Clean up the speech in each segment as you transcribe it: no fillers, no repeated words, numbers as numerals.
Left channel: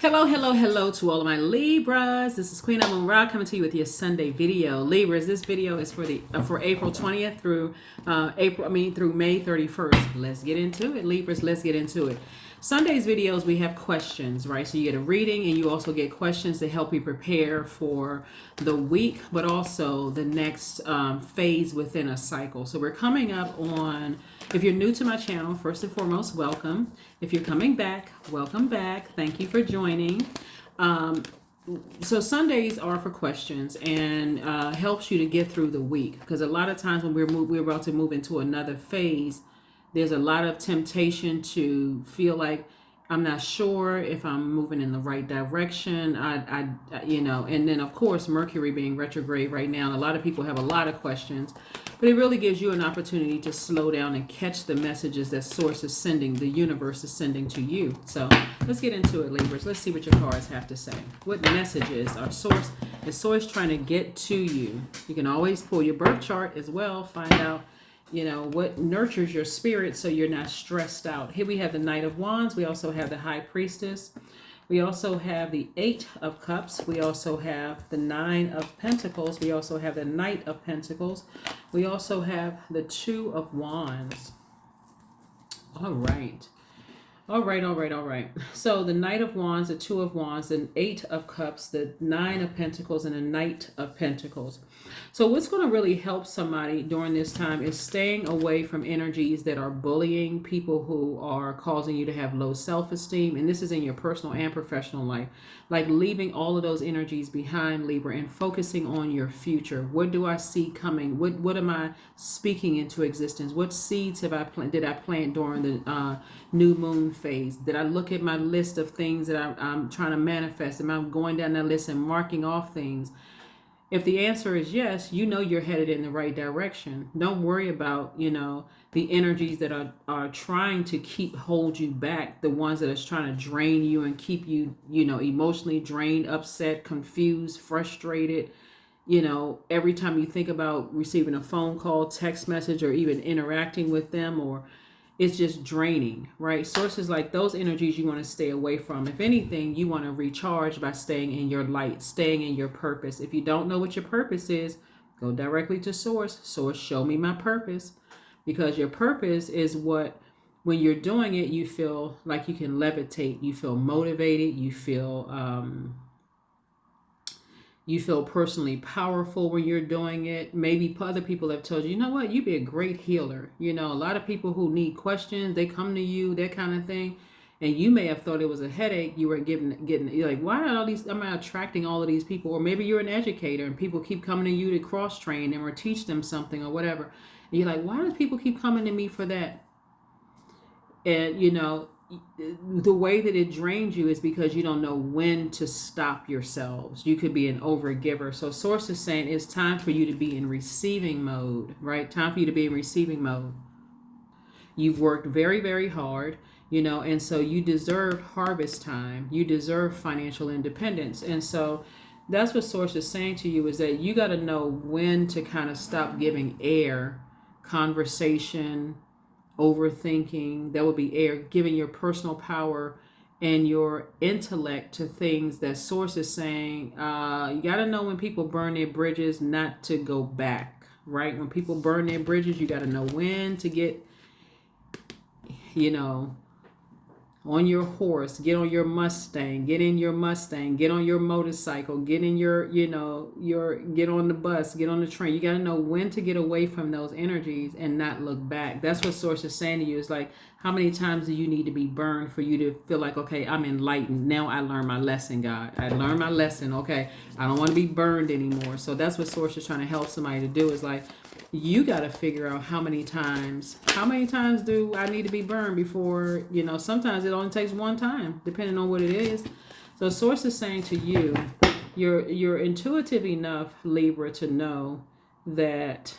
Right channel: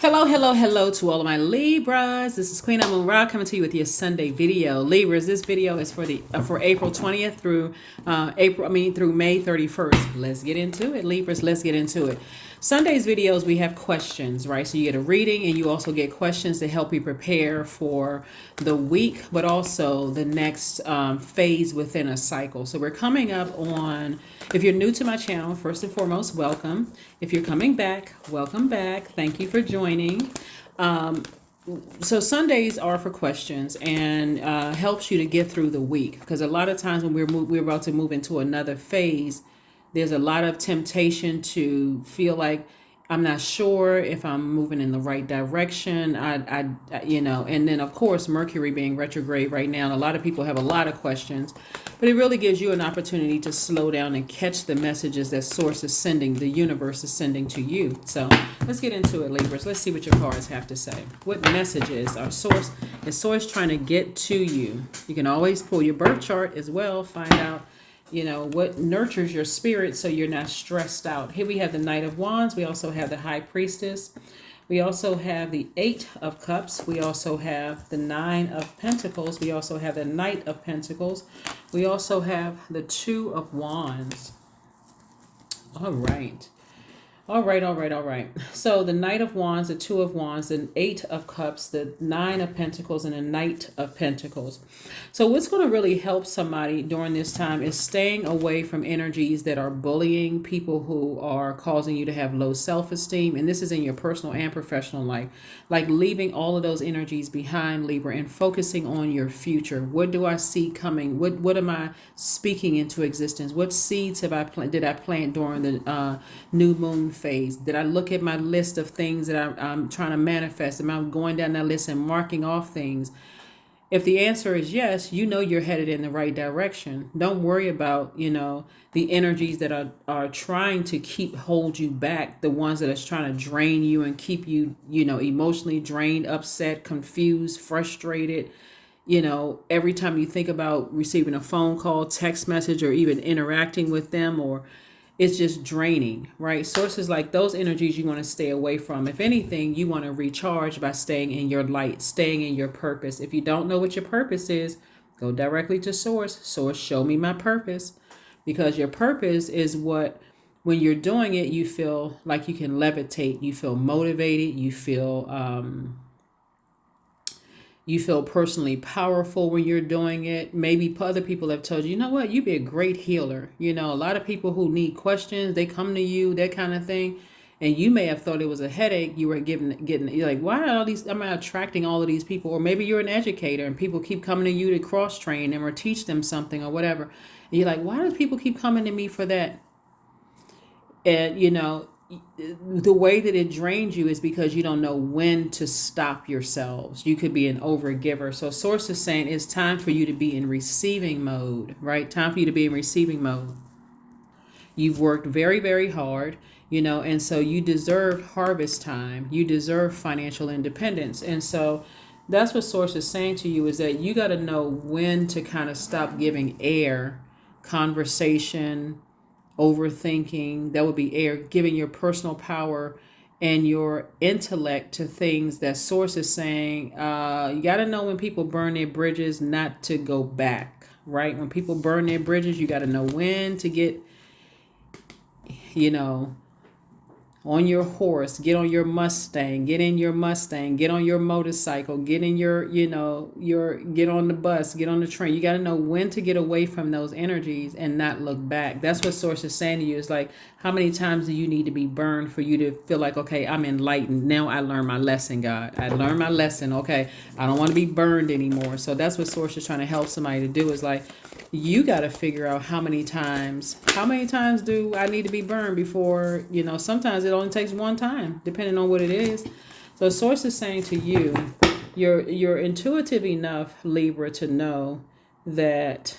Hello, hello, hello to all of my Libras. This is Queen Moon Ra coming to you with your Sunday video. Libras, this video is for April 20th through through May 31st. Let's get into it, Libras. Let's get into it. Sunday's videos we have questions, right? So you get a reading and you also get questions to help you prepare for the week, but also the next phase within a cycle. So we're coming up on, if you're new to my channel, first and foremost, welcome. If you're coming back, welcome back. Thank you for joining. So Sundays are for questions and helps you to get through the week, because a lot of times when we're about to move into another phase, there's a lot of temptation to feel like I'm not sure if I'm moving in the right direction. And then of course Mercury being retrograde right now, a lot of people have a lot of questions, but it really gives you an opportunity to slow down and catch the messages that Source is sending, the universe is sending to you. So let's get into it, Libras. Let's see what your cards have to say. What messages are Source trying to get to you? You can always pull your birth chart as well, find out what nurtures your spirit so you're not stressed out. Here we have the Knight of Wands. We also have the High Priestess. We also have the Eight of Cups. We also have the Nine of Pentacles. We also have the Knight of Pentacles. We also have the Two of Wands. All right. All right. So the Knight of Wands, the Two of Wands, the Eight of Cups, the Nine of Pentacles, and the Knight of Pentacles. So what's going to really help somebody during this time is staying away from energies that are bullying, people who are causing you to have low self-esteem. And this is in your personal and professional life. Like leaving all of those energies behind, Libra, and focusing on your future. What do I see coming? What am I speaking into existence? What seeds did I plant during the new moon phase? Did I look at my list of things that I'm trying to manifest? Am I going down that list and marking off things? If the answer is yes, you're headed in the right direction. Don't worry about, the energies that are trying to hold you back, the ones that are trying to drain you and keep you, emotionally drained, upset, confused, frustrated. Every time you think about receiving a phone call, text message, or even interacting with them, or it's just draining, right? Sources like those energies you want to stay away from. If anything, you want to recharge by staying in your light, staying in your purpose. If you don't know what your purpose is, go directly to Source. Source, show me my purpose. Because your purpose is what, when you're doing it, you feel like you can levitate, you feel motivated, you feel personally powerful when you're doing it. Maybe other people have told you, you know what, you'd be a great healer. A lot of people who need questions, they come to you, that kind of thing. And you may have thought it was a headache you were you're like, why am I attracting all of these people? Or maybe you're an educator and people keep coming to you to cross train them or teach them something or whatever. And you're like, why do people keep coming to me for that? And, the way that it drains you is because you don't know when to stop yourselves. You could be an overgiver. So Source is saying it's time for you to be in receiving mode, right? Time for you to be in receiving mode. You've worked very, very hard, and so you deserve harvest time. You deserve financial independence. And so that's what Source is saying to you, is that you got to know when to kind of stop giving air, conversation, overthinking. That would be air, giving your personal power and your intellect to things that Source is saying. You got to know when people burn their bridges not to go back, right? When people burn their bridges, you got to know when to get, on your horse, get on your Mustang, get in your Mustang, get on your motorcycle, get in get on the bus, get on the train. You got to know when to get away from those energies and not look back. That's what Source is saying to you. It's like, how many times do you need to be burned for you to feel like, okay, I'm enlightened. Now I learned my lesson, God. I learned my lesson. Okay, I don't want to be burned anymore. So that's what Source is trying to help somebody to do, is like, you got to figure out how many times do I need to be burned before, sometimes it only takes one time, depending on what it is. So Source is saying to you, you're intuitive enough, Libra, to know that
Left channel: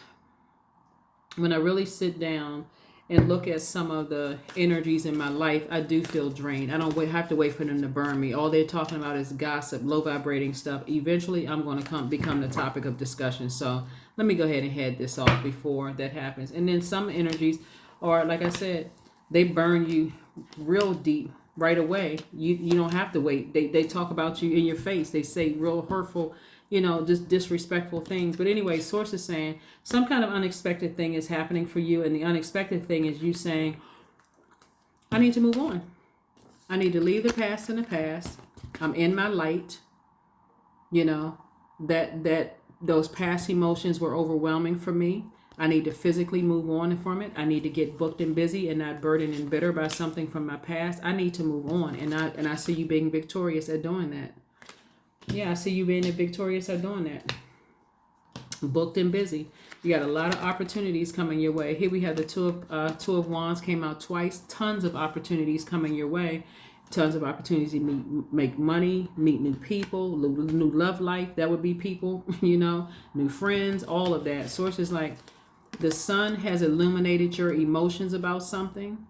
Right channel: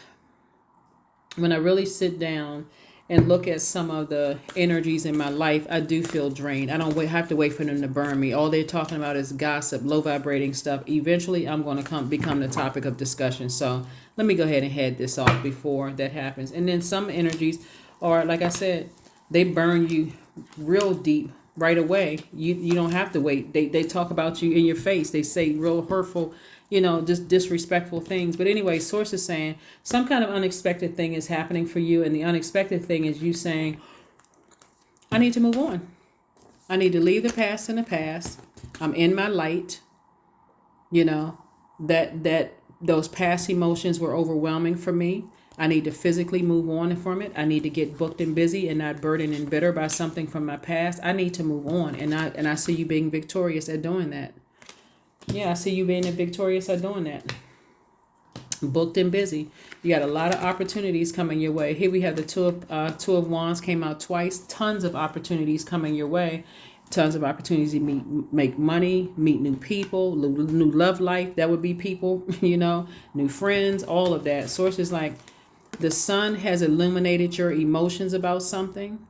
when I really sit down and look at some of the energies in my life, I do feel drained. I don't have to wait for them to burn me. All they're talking about is gossip, low vibrating stuff. Eventually, I'm going to become the topic of discussion. So let me go ahead and head this off before that happens. And then some energies are, like I said, they burn you real deep right away. You don't have to wait. They talk about you in your face. They say real hurtful, just disrespectful things. But anyway, source is saying some kind of unexpected thing is happening for you, and the unexpected thing is you saying, I need to move on. I need to leave the past in the past. I'm in my light. That those past emotions were overwhelming for me. I need to physically move on from it. I need to get booked and busy and not burdened and bitter by something from my past. I need to move on, and I see you being victorious at doing that. Yeah, I see you being victorious at doing that. Booked and busy. You got a lot of opportunities coming your way. Here we have the two of Wands came out twice. Tons of opportunities coming your way. Tons of opportunities to make money, meet new people, new love life. That would be people, new friends, all of that. Sources like the sun has illuminated your emotions about something.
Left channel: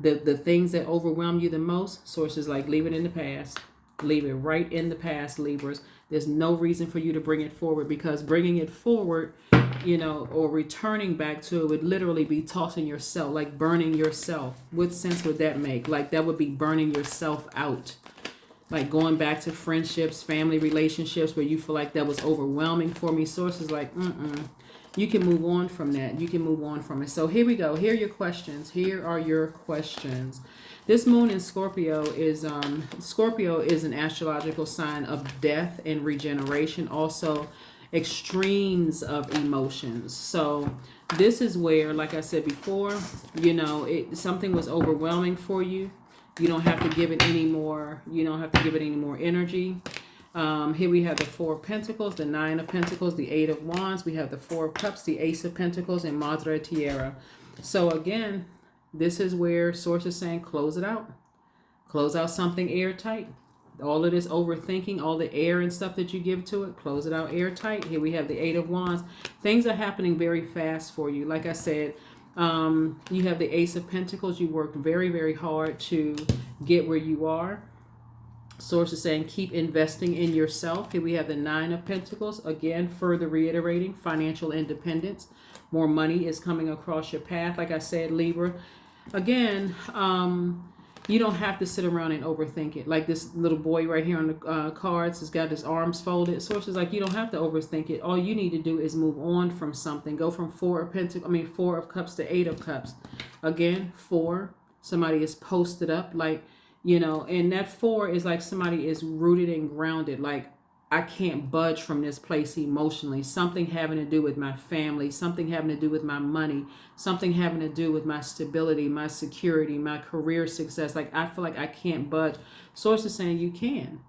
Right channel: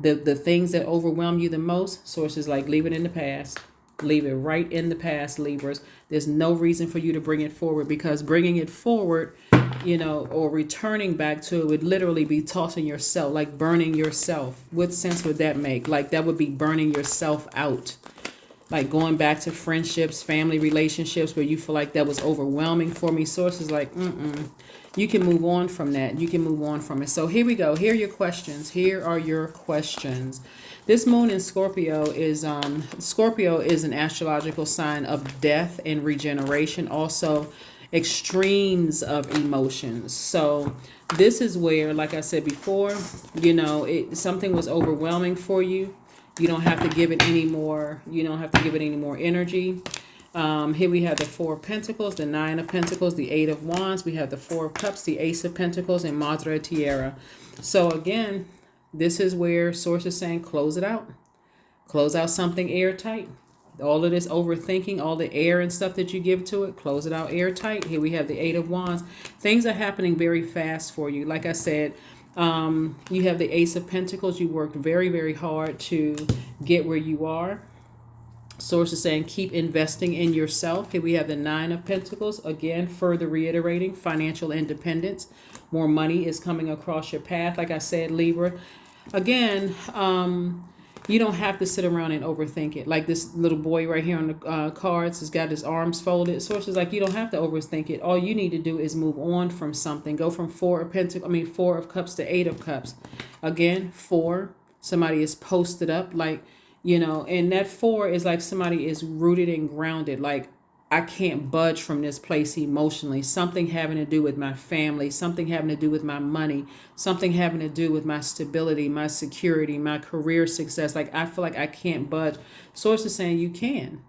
The things that overwhelm you the most. Sources like leave it in the past. Leave it right in the past, Libras. There's no reason for you to bring it forward, because bringing it forward, or returning back to it would literally be tossing yourself, like burning yourself. What sense would that make? Like that would be burning yourself out. Like going back to friendships, family relationships where you feel like that was overwhelming for me. Sources like, you can move on from that. You can move on from it. So here we go. Here are your questions. Here are your questions. This moon in Scorpio is an astrological sign of death and regeneration, also extremes of emotions. So this is where, like I said before, something was overwhelming for you. You don't have to give it any more. You don't have to give it any more energy. Here we have the Four of Pentacles, the Nine of Pentacles, the Eight of Wands. We have the Four of Cups, the Ace of Pentacles, and Madre Tierra. So again, this is where source is saying close it out. Close out something airtight. All of this overthinking, all the air and stuff that you give to it, close it out airtight. Here we have the Eight of Wands. Things are happening very fast for you. Like I said, you have the Ace of Pentacles. You worked very, very hard to get where you are. Source is saying keep investing in yourself. Here we have the Nine of Pentacles. Again, further reiterating financial independence. More money is coming across your path. Like I said, Libra. Again, you don't have to sit around and overthink it. Like this little boy right here on the cards has got his arms folded. Sources like you don't have to overthink it. All you need to do is move on from something. Go from Four of Cups to Eight of Cups. Again, four. Somebody is posted up, like, and that four is like somebody is rooted and grounded. Like, I can't budge from this place emotionally. Something having to do with my family, something having to do with my money, something having to do with my stability, my security, my career success. Like, I feel like I can't budge. Source is saying you can.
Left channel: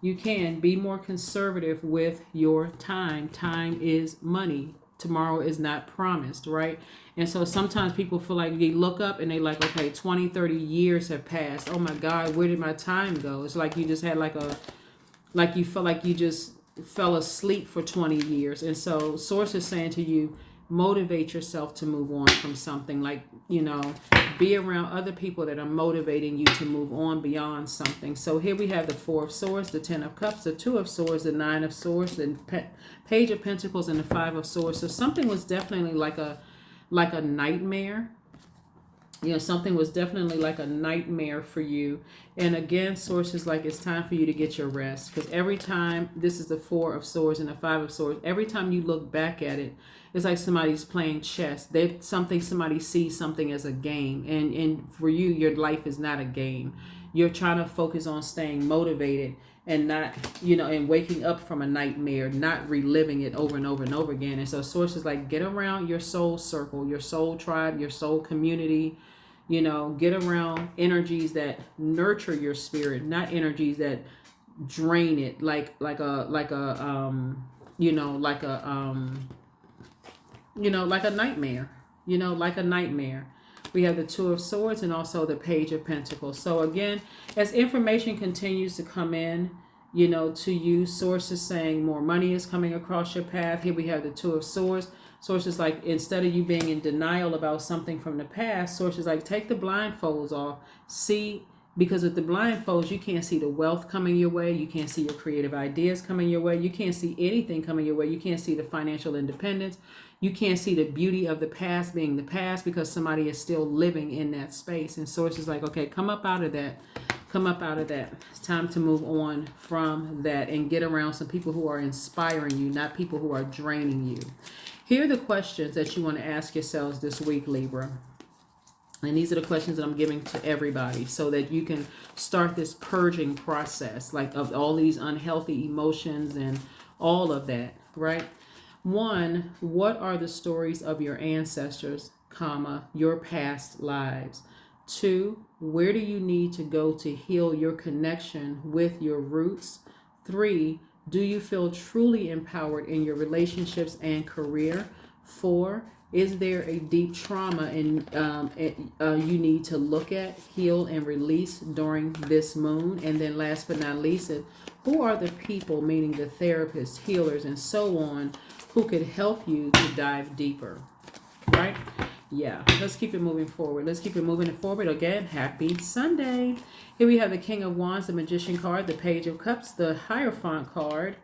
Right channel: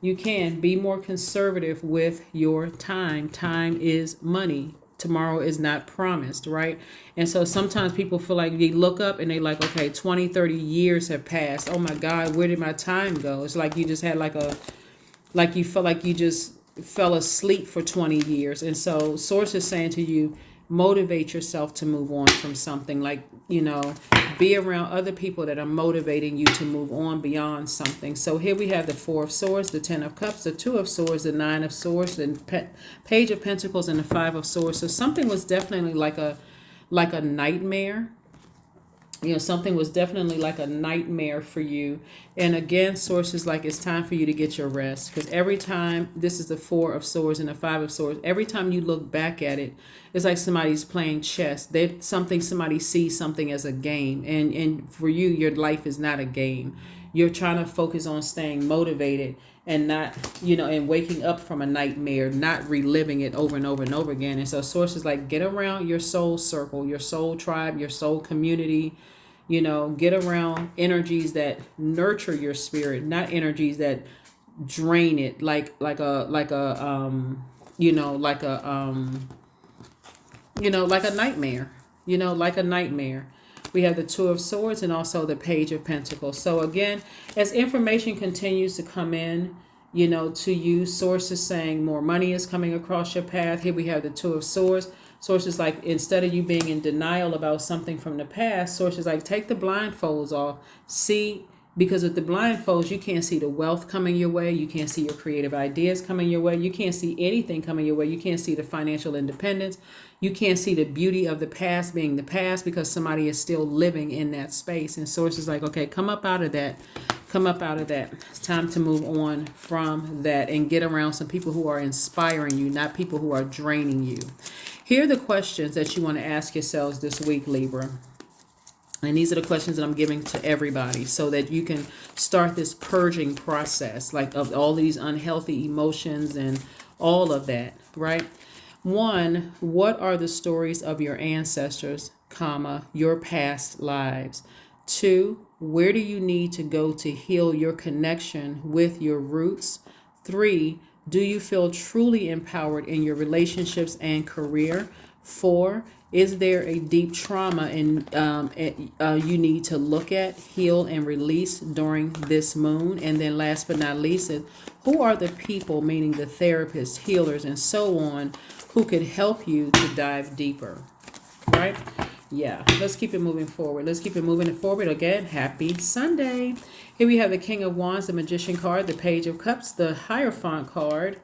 You can be more conservative with your time. Time is money. Tomorrow is not promised, right? And so sometimes people feel like they look up and they like, okay, 20, 30 years have passed. Oh my God, where did my time go? It's like you just had like you felt like you just fell asleep for 20 years. And so source is saying to you, motivate yourself to move on from something. Like, be around other people that are motivating you to move on beyond something. So here we have the Four of Swords, the Ten of Cups, the Two of Swords, the Nine of Swords, the Page of Pentacles, and the Five of Swords. So something was definitely like a nightmare. Something was definitely like a nightmare for you. And again, sources like it's time for you to get your rest. Because every time, this is the Four of Swords and the Five of Swords, every time you look back at it, it's like somebody's playing chess. Somebody sees something as a game. And for you, your life is not a game. You're trying to focus on staying motivated and not, and waking up from a nightmare, not reliving it over and over and over again. And so sources like get around your soul circle, your soul tribe, your soul community. Get around energies that nurture your spirit, not energies that drain it, like a nightmare, like a nightmare. We have the Two of Swords and also the Page of Pentacles. So again, as information continues to come in, to you, sources saying more money is coming across your path. Here we have the Two of Swords. Sources like, instead of you being in denial about something from the past, sources like take the blindfolds off. See, because with the blindfolds, you can't see the wealth coming your way. You can't see your creative ideas coming your way. You can't see anything coming your way. You can't see the financial independence. You can't see the beauty of the past being the past because somebody is still living in that space. And sources like, okay, come up out of that. Come up out of that. It's time to move on from that and get around some people who are inspiring you, not people who are draining you. Here are the questions that you want to ask yourselves this week, Libra. And these are the questions that I'm giving to everybody so that you can start this purging process, like of all these unhealthy emotions and all of that, right? One, what are the stories of your ancestors, comma, your past lives? Two, where do you need to go to heal your connection with your roots? Three, do you feel truly empowered in your relationships and career? Four, is there a deep trauma you need to look at, heal, and release during this moon? And then last but not least, who are the people, meaning the therapists, healers, and so on, who could help you to dive deeper? Right? Yeah, let's keep it moving forward. Let's keep it moving forward. Again, happy Sunday. Here we have the King of Wands, the Magician card, the Page of Cups, the Hierophant card.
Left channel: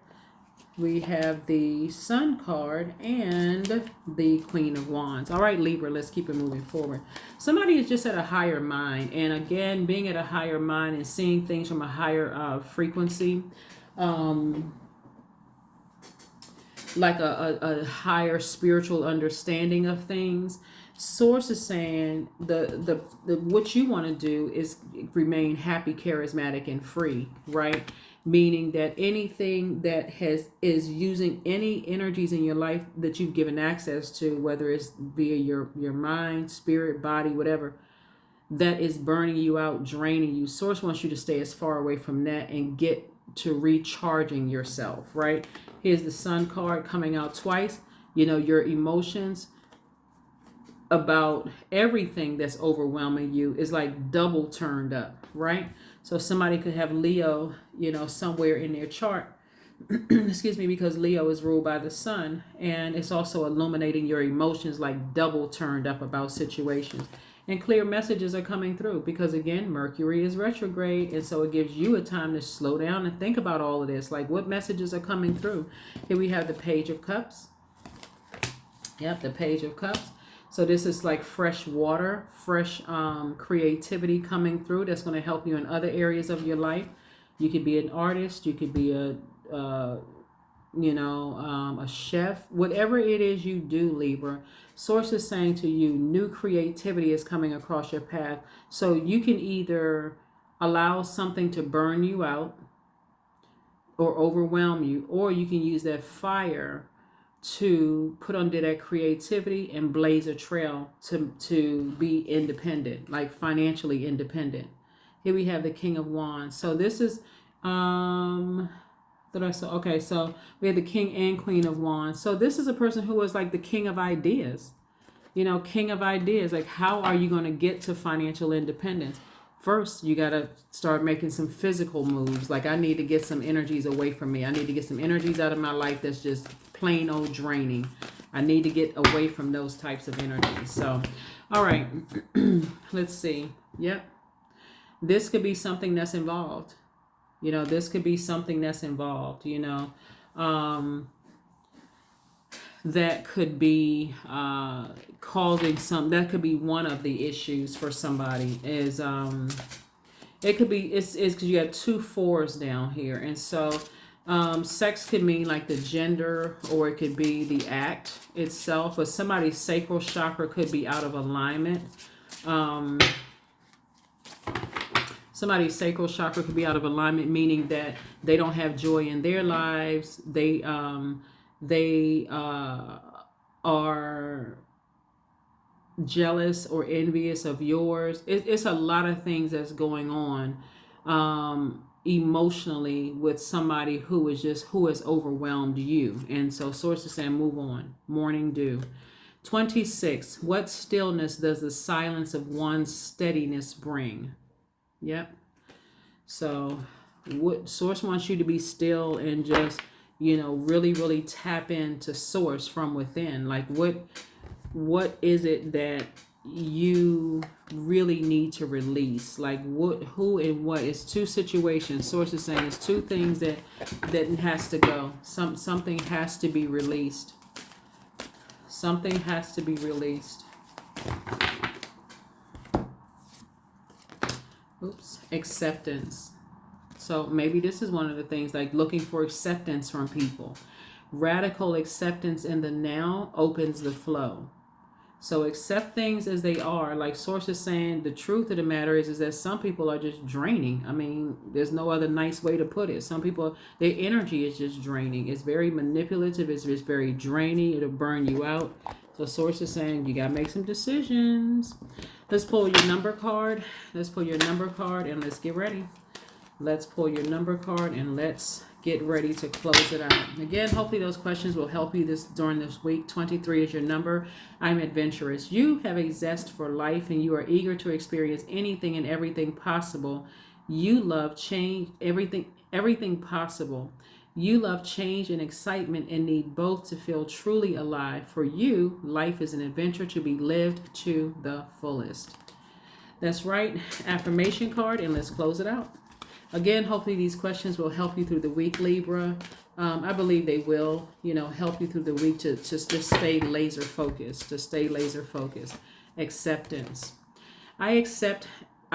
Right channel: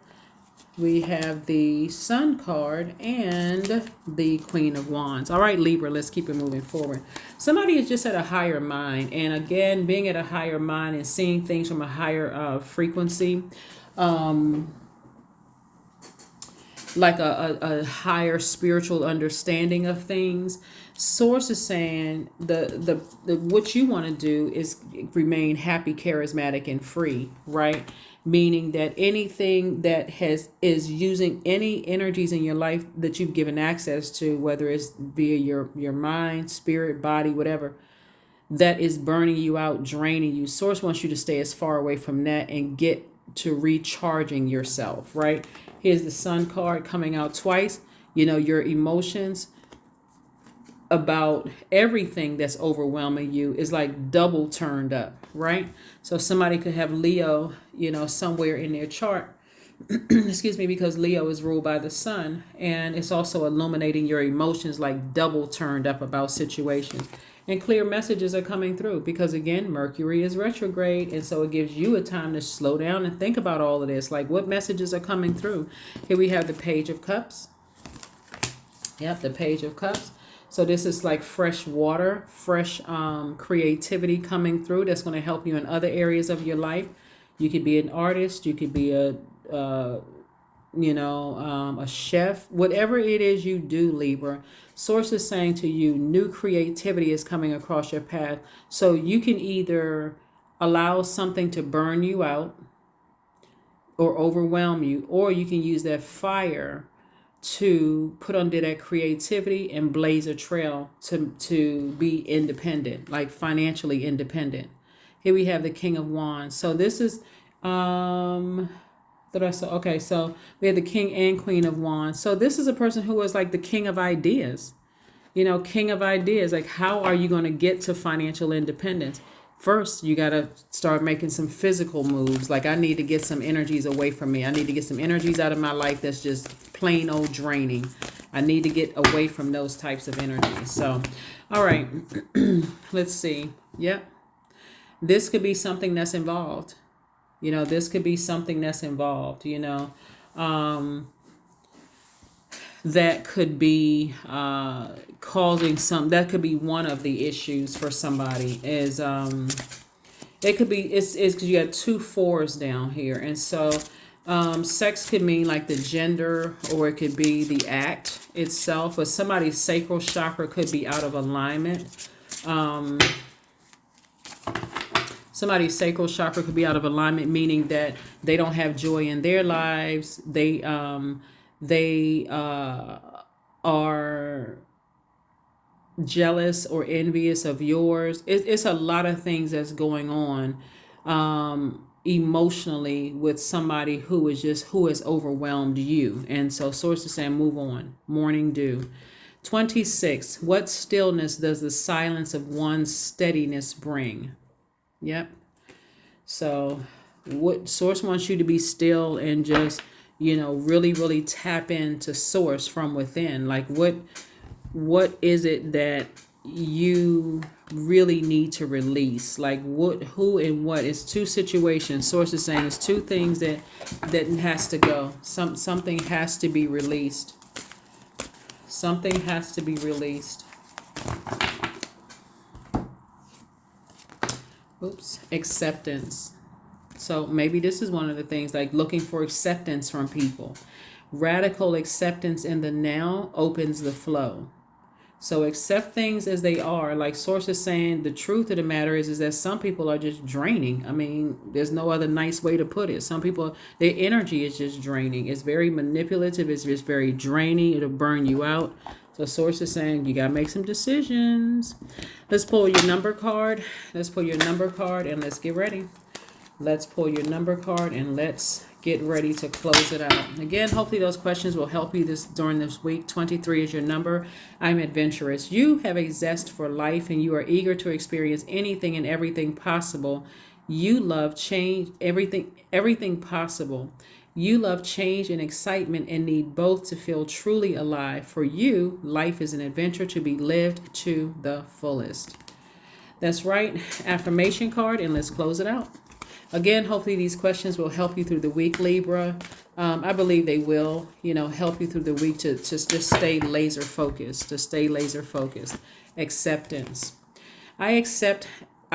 We have the Sun card and the Queen of Wands. All right, Libra, let's keep it moving forward. Somebody is just at a higher mind. And again, being at a higher mind and seeing things from a higher frequency, like a higher spiritual understanding of things. Source is saying the what you want to do is remain happy, charismatic, and free, right? Meaning that anything that is using any energies in your life that you've given access to, whether it's via your mind, spirit, body, whatever, that is burning you out, draining you. Source wants you to stay as far away from that and get to recharging yourself, right? Here's the Sun card coming out twice. You know, your emotions about everything that's overwhelming you is like double turned up, right? So somebody could have Leo, you know, somewhere in their chart, excuse me, because Leo is ruled by the sun, and it's also illuminating your emotions like double turned up about situations. And clear messages are coming through because, again, Mercury is retrograde. And so it gives you a time to slow down and think about all of this. Like, what messages are coming through? Here we have the Page of Cups. Yep, the Page of Cups. So this is like fresh water, fresh creativity coming through that's going to help you in other areas of your life. You could be an artist. You could be a chef. Whatever it is you do, Libra, Source is saying to you, new creativity is coming across your path. So you can either allow something to burn you out or overwhelm you, or you can use that fire to put under that creativity and blaze a trail to be independent, like financially independent. Here we have the King of Wands. So this is so we have the King and Queen of Wands. So this is a person who is like the king of ideas. You know, king of ideas. Like, how are you going to get to financial independence? First, you got to start making some physical moves. Like, I need to get some energies away from me. I need to get some energies out of my life that's just plain old draining. I need to get away from those types of energies. So, all right, let's see. Yep. This could be something that's involved. You know, this could be something that's involved, you know. That could be causing that could be one of the issues for somebody is it could be it's because you have 2 4s down here, and so sex could mean like the gender, or it could be the act itself, or somebody's sacral chakra could be out of alignment. Somebody's sacral chakra could be out of alignment, meaning that they don't have joy in their lives. They are jealous or envious of yours. It's a lot of things that's going on emotionally with somebody who has overwhelmed you. And so Source is saying, move on. Morning dew. 26. What stillness does the silence of one's steadiness bring? Yep. So what Source wants you to be still and just, you know, really, really tap into Source from within. Like, what is it that you really need to release? Like, who and what is 2 situations. Source is saying it's 2 things that has to go. Something has to be released. Something has to be released. Oops, acceptance. So maybe this is one of the things, like looking for acceptance from people. Radical acceptance in the now opens the flow. So accept things as they are. Like Source is saying, the truth of the matter is that some people are just draining. I mean, there's no other nice way to put it. Some people, their energy is just draining. It's very manipulative. It's just very draining. It'll burn you out. So Source is saying you got to make some decisions. Let's pull your number card. Let's pull your number card and let's get ready. Let's pull your number card and let's get ready to close it out. Again, hopefully those questions will help you during this week. 23 is your number. I'm adventurous. You have a zest for life and you are eager to experience anything and everything possible. You love change, everything possible. You love change and excitement and need both to feel truly alive. For you, life is an adventure to be lived to the fullest. That's right. Affirmation card, and let's close it out. Again, hopefully these questions will help you through the week, Libra. I believe they will, help you through the week to just stay laser focused, Acceptance. I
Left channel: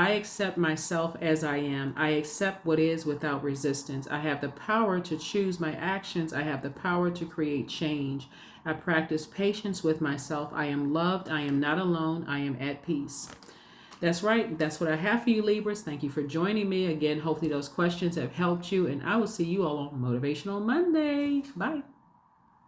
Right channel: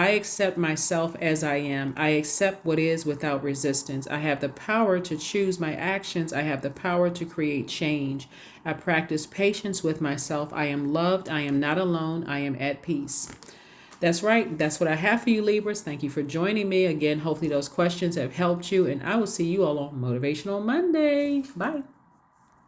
accept myself as I am. I accept what is without resistance. I have the power to choose my actions. I have the power to create change. I practice patience with myself. I am loved. I am not alone. I am at peace. That's right. That's what I have for you, Libras. Thank you for joining me. Again, hopefully those questions have helped you, and I will see you all on Motivational Monday. Bye.